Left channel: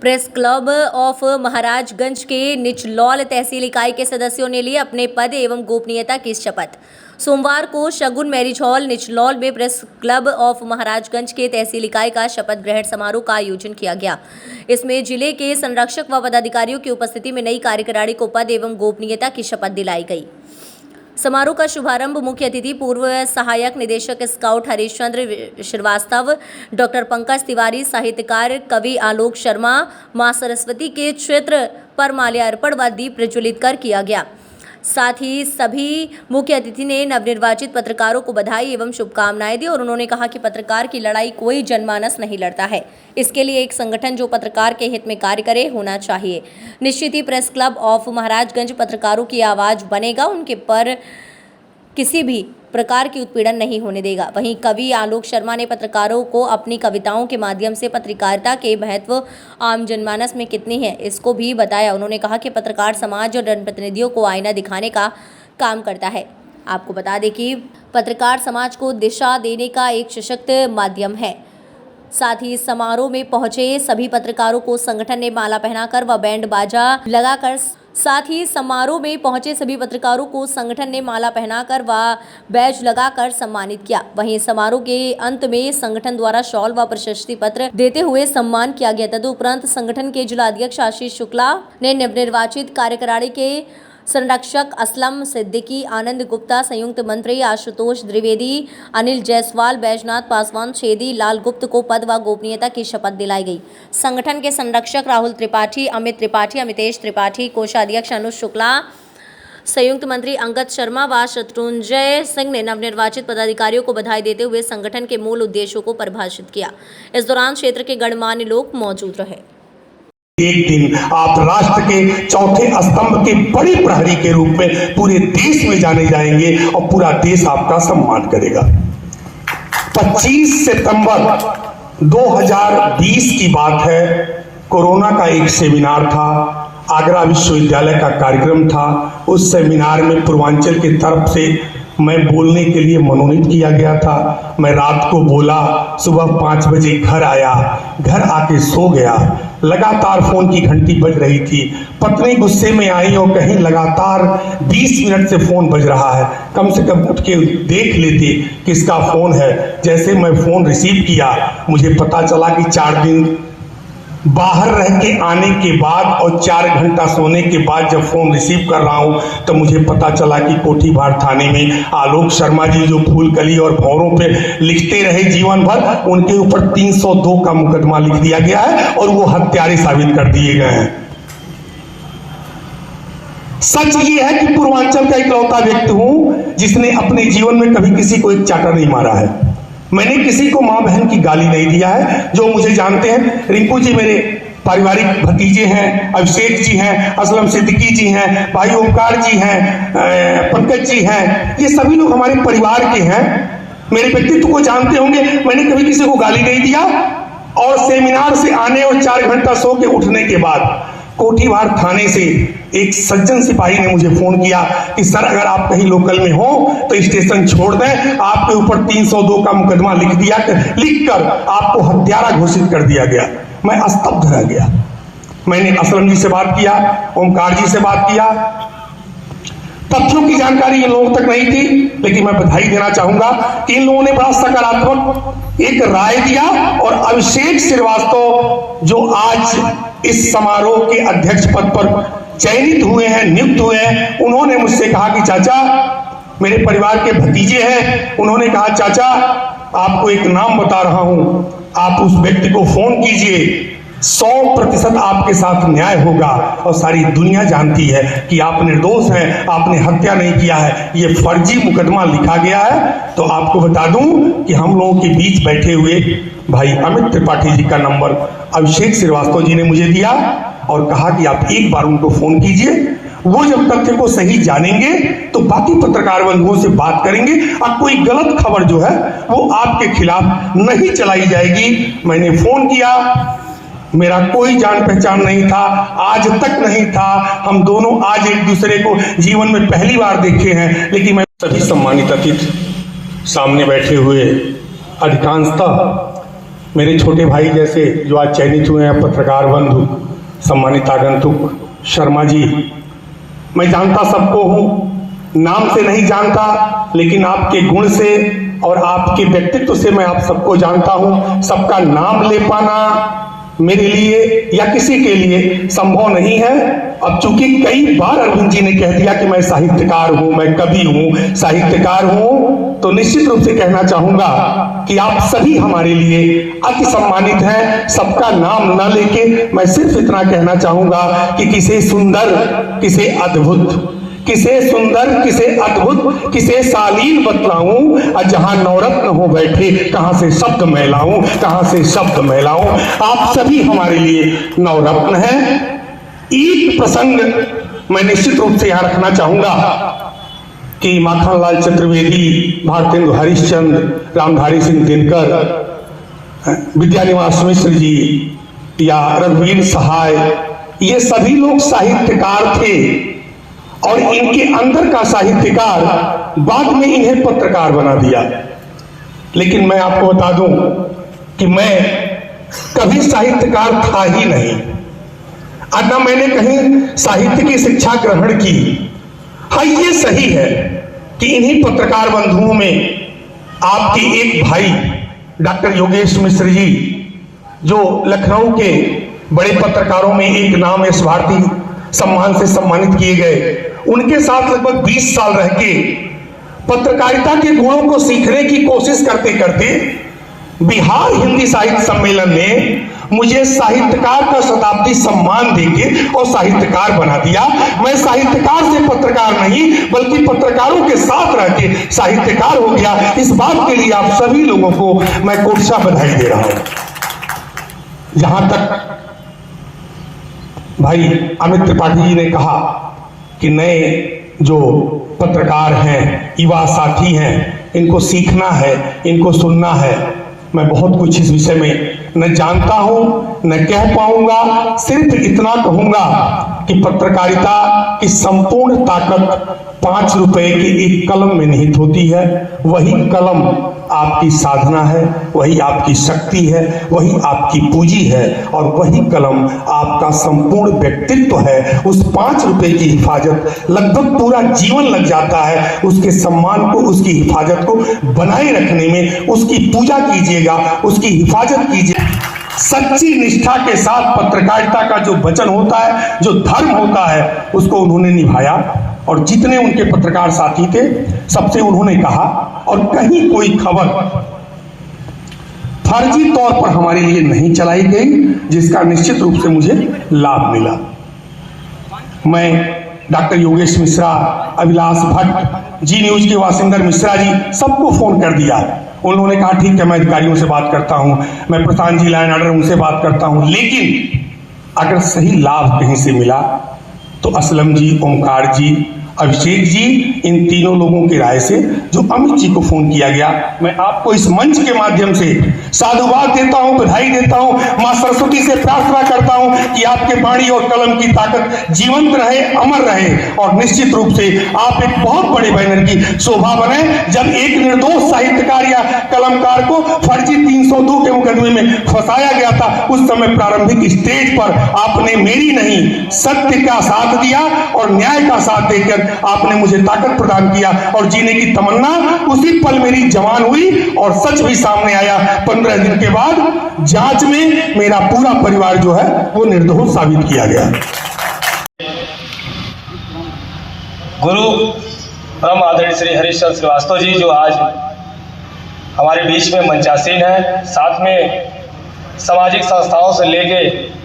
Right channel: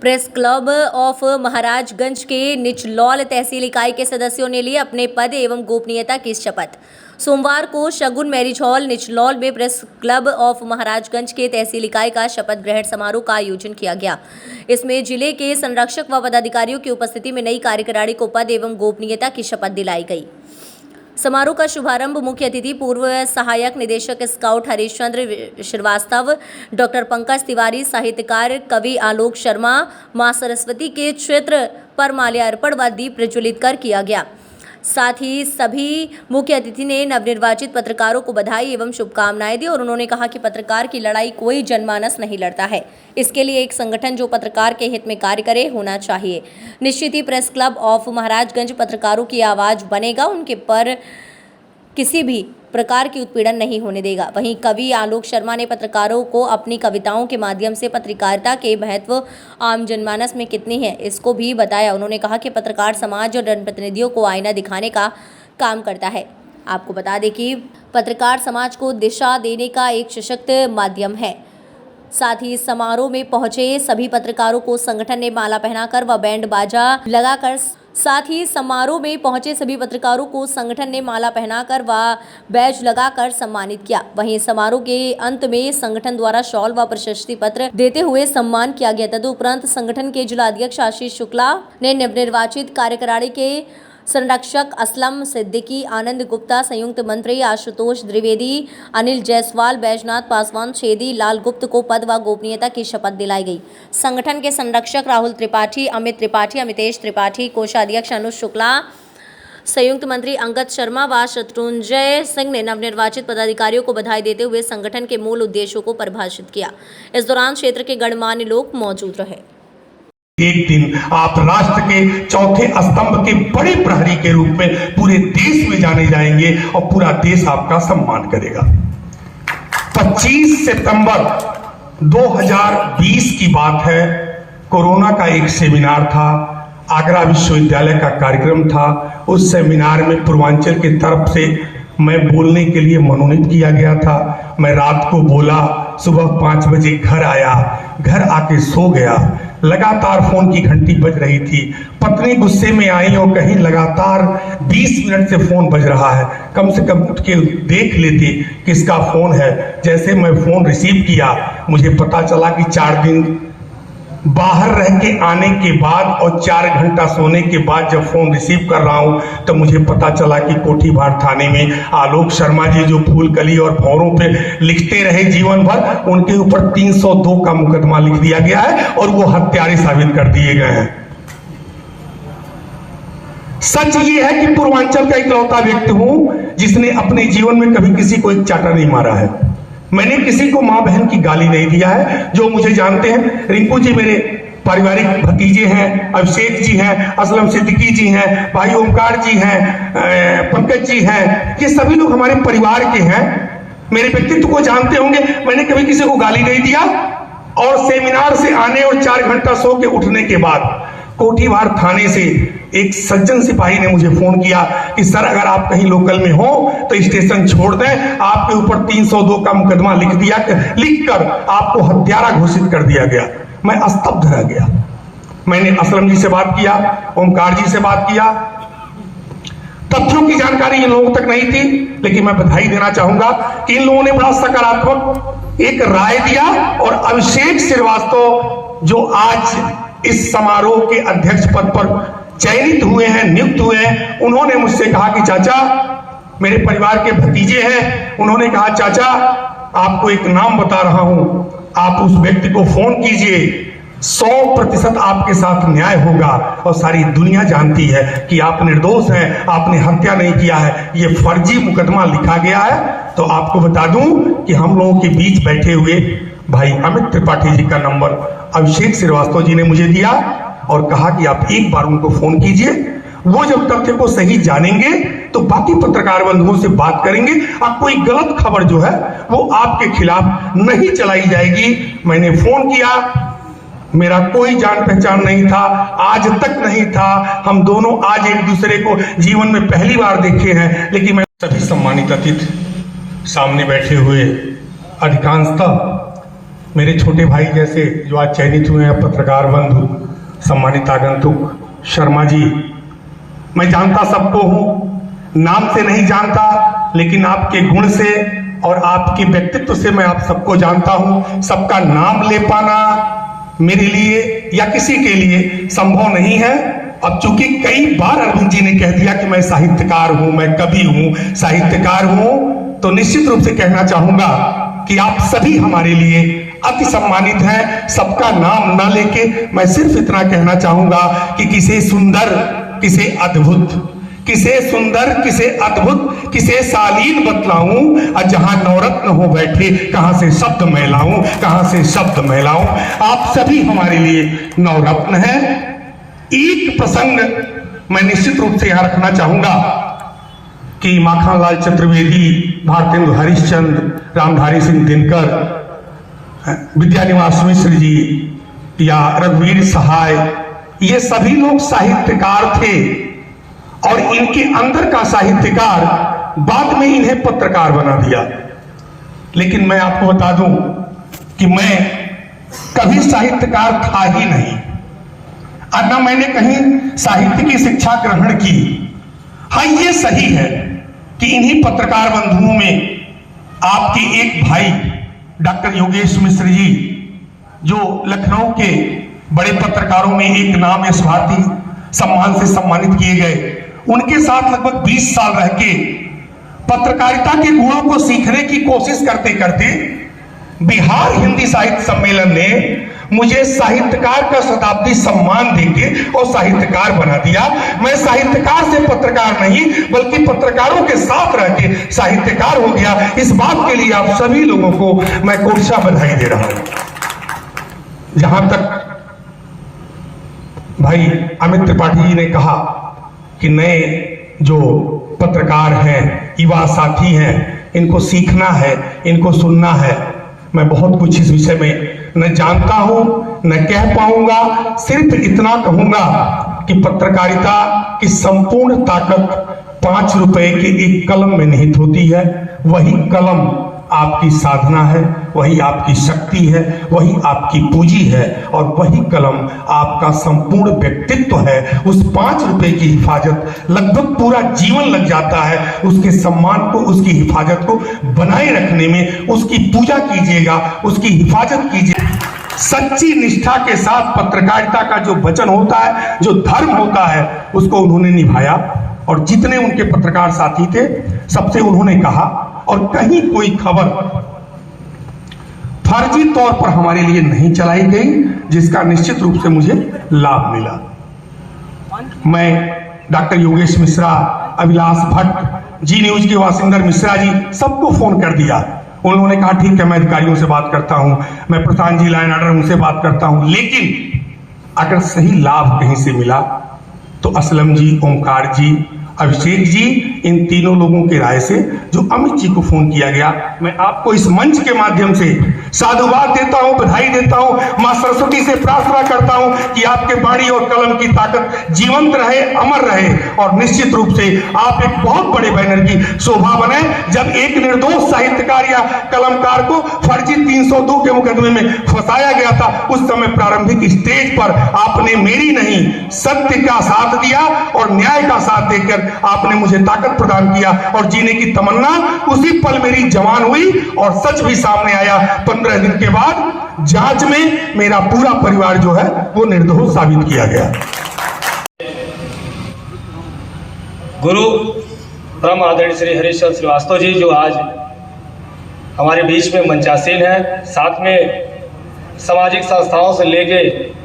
Press club of Maharajganj के निचलौल तहसील इकाई के सदस्यों ने लिए अपने पद एवं गोपनीयता की शपथ। सोमवार को शगुन मैरिज हॉल निचलौल में प्रेस क्लब ऑफ महाराजगंज के तहसील इकाई का शपथ ग्रहण समारोह का आयोजन किया गया। इसमें जिले के संरक्षक व पदाधिकारियों की उपस्थिति में नई कार्यकारिणी को पद एवं गोपनीयता की शपथ दिलाई गई। समारोह का शुभारंभ मुख्य अतिथि पूर्व सहायक निदेशक स्काउट हरीशचंद्र श्रीवास्तव, डॉक्टर पंकज तिवारी, साहित्यकार कवि आलोक शर्मा, मां सरस्वती के चित्र पर माल्यार्पण व दीप प्रज्वलित कर किया गया। साथ ही सभी मुख्य अतिथि ने नवनिर्वाचित पत्रकारों को बधाई एवं शुभकामनाएं दी और उन्होंने कहा कि पत्रकार की लड़ाई कोई जनमानस नहीं लड़ता है, इसके लिए एक संगठन जो पत्रकार के हित में कार्य करे होना चाहिए। निश्चित ही प्रेस क्लब ऑफ महाराजगंज पत्रकारों की आवाज़ बनेगा, उनके पर किसी भी प्रकार की उत्पीड़न नहीं होने देगा। वहीं कवि आलोक शर्मा ने पत्रकारों को अपनी कविताओं के माध्यम से पत्रकारिता के महत्व आम जनमानस में कितनी है इसको भी बताया। उन्होंने कहा कि पत्रकार समाज और जनप्रतिनिधियों को आईना दिखाने का काम करता है। आपको बता दें कि पत्रकार समाज को दिशा देने का एक सशक्त माध्यम है। साथ ही समारोह में पहुंचे सभी पत्रकारों को संगठन ने माला पहनाकर व बैंड बाजा लगाकर बैज लगाकर सम्मानित किया। वहीं समारोह के अंत में संगठन द्वारा शॉल व प्रशस्ति पत्र देते हुए सम्मान किया गया। तदुपरांत संगठन के जिला अध्यक्ष आशीष शुक्ला ने नवनिर्वाचित कार्यकारिणी के संरक्षक असलम सिद्दीकी, आनंद गुप्ता, संयुक्त मंत्री आशुतोष द्विवेदी, अनिल जायसवाल, बैजनाथ पासवान, छेदी लाल गुप्त को पद व गोपनीयता की शपथ दिलाई गई। संगठन के संरक्षक राहुल त्रिपाठी, अमित त्रिपाठी, अमितेश त्रिपाठी, कोषाध्यक्ष अनुज शुक्ला, संयुक्त मंत्री अंगद शर्मा व शत्रुंजय सिंह ने नवनिर्वाचित पदाधिकारियों को बधाई देते हुए संगठन के मूल उद्देश्यों को परिभाषित किया। इस दौरान क्षेत्र के गणमान्य लोग मौजूद रहे। एक दिन आप राष्ट्र के चौथे स्तंभ के बड़े प्रहरी के रूप में पूरे देश में जाने जाएंगे और पूरा देश आपका सम्मान करेगा। 25 सितंबर 2020 की बात है। कोरोना का एक सेमिनार था, आगरा विश्वविद्यालय का कार्यक्रम था। उस सेमिनार में पूर्वांचल की तरफ से मैं बोलने के लिए मनोनीत किया गया था। मैं रात को बोला, सुबह 5 बजे घर आया, घर आके सो गया। लगातार फोन की घंटी बज रही थी। पत्नी गुस्से में आई और कहीं लगातार 20 मिनट से फोन बज रहा है, कम से कम उठ के देख लेती किसका फोन है। जैसे मैं फोन रिसीव किया, मुझे पता चला कि 4 दिन बाहर रह के आने के बाद और 4 घंटा सोने के बाद जब फोन रिसीव कर रहा हूं तो मुझे पता चला कि कोठीभार थाने में आलोक शर्मा जी जो फूलकली और भौरों पे लिखते रहे जीवन भर, उनके ऊपर 302 का मुकदमा लिख दिया गया है और वो हत्यारे साबित कर दिए गए हैं। सच ये है कि पूर्वांचल का इकलौता व्यक्ति हूं जिसने अपने जीवन में कभी किसी को एक चाटा नहीं मारा है। मैंने किसी को मां बहन की गाली नहीं दिया है। जो मुझे जानते हैं, रिंकू जी मेरे पारिवारिक भतीजे हैं, अभिषेक जी हैं, असलम सिद्दीकी जी हैं, भाई ओमकार जी हैं, पंकज जी हैं, ये सभी लोग हमारे परिवार के हैं। मेरे व्यक्तित्व को जानते होंगे। मैंने कभी किसी को गाली नहीं दिया। और सेमिनार से आने और 4 घंटा सो के उठने के बाद कोठीभार थाने से एक सज्जन सिपाही ने मुझे फोन किया कि सर अगर आप कहीं लोकल में हो तो स्टेशन छोड़ दें, आपके ऊपर 302 का मुकदमा लिखकर आपको हत्यारा घोषित कर दिया गया। मैं स्तब्ध रह गया। मैंने असलम जी से बात किया, ओमकार जी से बात किया। तथ्यों की जानकारी इन लोगों तक नहीं थी, लेकिन मैं बधाई देना चाहूंगा कि इन लोगों ने बड़ा सकारात्मक एक राय दिया। और अभिषेक श्रीवास्तव जो आज इस समारोह के अध्यक्ष पद पर चयनित हुए हैं, नियुक्त हुए हैं, उन्होंने मुझसे कहा कि चाचा, मेरे परिवार के भतीजे हैं, उन्होंने कहा चाचा आपको एक नाम बता रहा हूं, आप उस व्यक्ति को फोन कीजिए, 100% आपके साथ न्याय होगा। और सारी दुनिया जानती है कि आप निर्दोष हैं, आपने हत्या नहीं किया है, ये फर्जी मुकदमा लिखा गया है। तो आपको बता दूं कि हम लोगों के बीच बैठे हुए भाई अमित त्रिपाठी जी का नंबर अभिषेक श्रीवास्तव जी ने मुझे दिया और कहा कि आप एक बार उनको फोन कीजिए। वो जब तथ्य को सही जानेंगे तो बाकी पत्रकार बंधुओं से बात करेंगे और कोई गलत खबर जो है वो आपके खिलाफ नहीं चलाई जाएगी। मैंने फोन किया, मेरा कोई जान पहचान नहीं था, आज तक नहीं था। हम दोनों आज एक दूसरे को जीवन में पहली बार देखे हैं। लेकिन मैं सभी सम्मानित अतिथि, सामने बैठे हुए अधिकांशतः मेरे छोटे भाई जैसे जो आज चयनित हुए हैं, पत्रकार बंधु, सम्मानित आगंतुक शर्मा जी, मैं जानता सबको हूं, नाम से नहीं जानता, लेकिन आपके गुण से और आपके व्यक्तित्व से मैं आप सबको जानता हूं। सबका नाम ले पाना मेरे लिए या किसी के लिए संभव नहीं है। अब चूंकि कई बार अरविंद जी ने कह दिया कि मैं साहित्यकार हूं, मैं कवि हूं, साहित्यकार हूं, तो निश्चित रूप से कहना चाहूंगा कि आप सभी हमारे लिए अति सम्मानित हैं। सबका नाम ना लेके मैं सिर्फ इतना कहना चाहूंगा कि किसे सुंदर, किसे अद्भुत, किसे सुंदर, किसे अद्भुत, किसे शालीन बतलाऊं, और जहां नवरत्न हो बैठे कहां से शब्द मैं लाऊं, कहां से शब्द मैं लाऊं। आप सभी हमारे लिए नवरत्न हैं। एक प्रसंग मैं निश्चित रूप से यहां रखना चाहूंगा कि माखनलाल चतुर्वेदी, भारतेंदु हरिश्चंद्र, रामधारी सिंह दिनकर, विद्यानिवास मिश्र जी या रघुवीर सहाय, ये सभी लोग साहित्यकार थे और इनके अंदर का साहित्यकार बाद में इन्हें पत्रकार बना दिया। लेकिन मैं आपको बता दूं कि मैं कभी साहित्यकार था ही नहीं, और न मैंने कहीं साहित्य की शिक्षा ग्रहण की। हाँ, ये सही है कि इन्हीं पत्रकार बंधुओं में आपके एक भाई डॉक्टर योगेश मिश्र जी, जो लखनऊ के बड़े पत्रकारों में एक नाम यश भारती सम्मान से सम्मानित किए गए, उनके साथ लगभग 20 साल रह के पत्रकारिता के गुणों को सीखने की कोशिश करते करते बिहार हिंदी साहित्य सम्मेलन ने मुझे साहित्यकार का शताब्दी सम्मान देके और साहित्यकार बना दिया। मैं साहित्यकार से पत्रकार नहीं बल्कि पत्रकारों के साथ रह के साहित्यकार हो गया। इस बात के लिए आप सभी लोगों को मैं कोटसा बधाई दे रहा हूं। जहां तक भाई अमित त्रिपाठी जी ने कहा कि नए जो पत्रकार हैं, युवा साथी हैं, इनको सीखना है, इनको सुनना है। मैं बहुत कुछ इस विषय में न जानता हूं, न कह पाऊंगा। सिर्फ इतना कहूंगा कि पत्रकारिता की संपूर्ण ताकत 5 रुपए के एक कलम में निहित होती है। वही कलम आपकी साधना है, वही आपकी शक्ति है, वही आपकी पूंजी है, और वही कलम आपका संपूर्ण व्यक्तित्व है। उस 5 रुपए की हिफाजत लगभग पूरा जीवन लग जाता है। उसके सम्मान को, उसकी हिफाजत को बनाए रखने में उसकी पूजा कीजिएगा, उसकी हिफाजत कीजिए। सच्ची निष्ठा के साथ पत्रकारिता का जो वचन होता है, जो धर्म होता है, उसको उन्होंने निभाया। और जितने उनके पत्रकार साथी थे सबसे उन्होंने कहा, और कहीं कोई खबर फर्जी तौर पर हमारे लिए नहीं चलाई गई, जिसका निश्चित रूप से मुझे लाभ मिला। मैं डॉक्टर योगेश मिश्रा, अभिलाष भट्ट, जी न्यूज के वासिंदर मिश्रा जी, सबको फोन कर दिया। उन्होंने कहा ठीक है, मैं अधिकारियों से बात करता हूं, मैं प्रशांत जी लाइन ऑर्डर उनसे बात करता हूं। लेकिन अगर सही लाभ कहीं से मिला तो असलम जी, ओमकार जी, अभिषेक जी, इन तीनों लोगों की राय से जो अमित जी को फोन किया गया, मैं आपको इस मंच के माध्यम से साधुवाद देता हूं, बधाई देता हूं। मां सरस्वती से प्रार्थना करता हूं कि आपके बाणी और कलम की ताकत जीवंत रहे, अमर रहे, और निश्चित रूप से आप एक बहुत बड़े बैनर की शोभा बने। जब एक निर्दोष साहित्यकार या कलमकार को फर्जी 302 के मुकदमे में फंसाया गया था, उस समय प्रारंभिक स्टेज पर आपने मेरी नहीं, सत्य का साथ दिया और न्याय का साथ देकर आपने मुझे ताकत प्रदान किया, और जीने की तमन्ना उसी पल मेरी जवान हुई, और सच भी सामने आया। 15 दिन के बाद जांच में मेरा पूरा परिवार जो है वो निर्दोष साबित किया गया। गुरु परम आदरणीय श्री हरिश्चंद्र श्रीवास्तव जी, जो आज हमारे बीच में मंचासीन है, साथ में सामाजिक संस्थाओं से लेके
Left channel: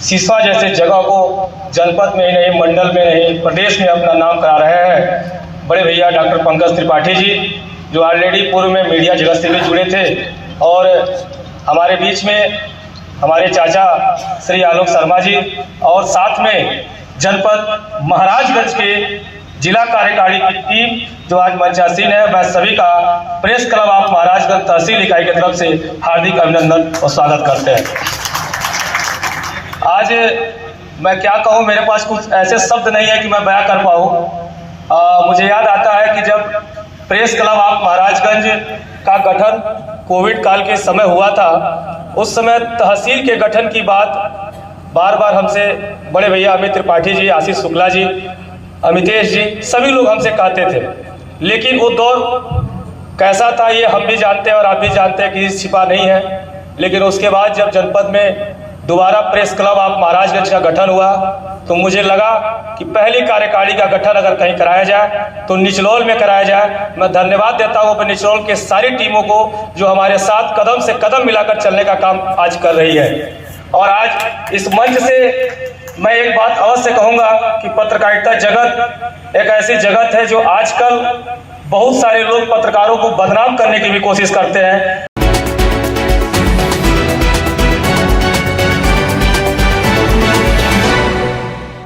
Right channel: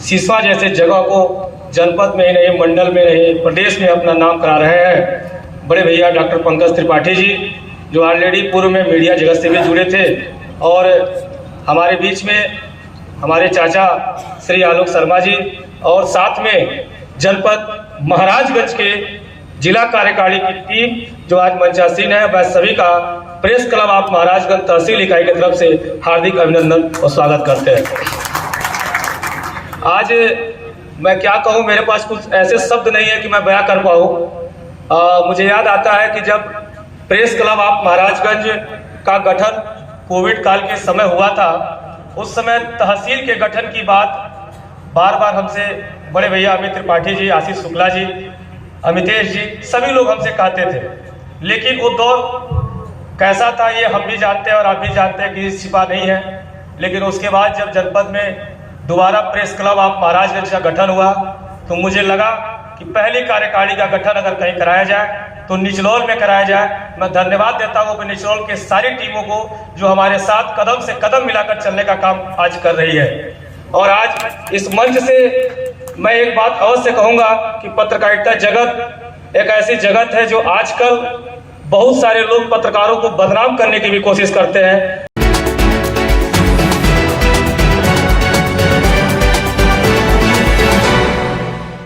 सिसवा जैसे जगह को जनपद में ही नहीं, मंडल में नहीं, प्रदेश में अपना नाम करा रहे हैं बड़े भैया डॉक्टर पंकज त्रिपाठी जी, जो ऑलरेडी पूर्व में मीडिया जगत से भी जुड़े थे। और हमारे बीच में हमारे चाचा श्री आलोक शर्मा जी, और साथ में जनपद महाराजगंज के जिला कार्यकारिणी की टीम जो आज मंचासीन है। मैं सभी का प्रेस क्लब ऑफ महाराजगंज तहसील इकाई की तरफ से हार्दिक अभिनंदन और स्वागत करते हैं। आज मैं क्या कहूँ, मेरे पास कुछ ऐसे शब्द नहीं है कि मैं बयां कर पाऊँ। मुझे याद आता है कि जब प्रेस क्लब ऑफ महाराजगंज का गठन कोविड काल के समय हुआ था, उस समय तहसील के गठन की बात बार बार हमसे बड़े भैया अमित त्रिपाठी जी, आशीष शुक्ला जी, अमितेश जी, सभी लोग हमसे कहते थे। लेकिन वो दौर कैसा था ये हम भी जानते हैं और आप भी जानते हैं कि छिपा नहीं है। लेकिन उसके बाद जब जनपद में दोबारा प्रेस क्लब ऑफ महाराजगंज का गठन हुआ तो मुझे लगा कि पहली कार्यकारिणी का गठन अगर कहीं कराया जाए तो निचलौल में कराया जाए। मैं धन्यवाद देता हूँ अपने निचलौल के सारी टीमों को जो हमारे साथ कदम से कदम मिलाकर चलने का काम आज कर रही है। और आज इस मंच से मैं एक बात अवश्य कहूंगा कि पत्रकारिता जगत एक ऐसी जगत है जो आजकल बहुत सारे लोग पत्रकारों को बदनाम करने की भी कोशिश करते हैं।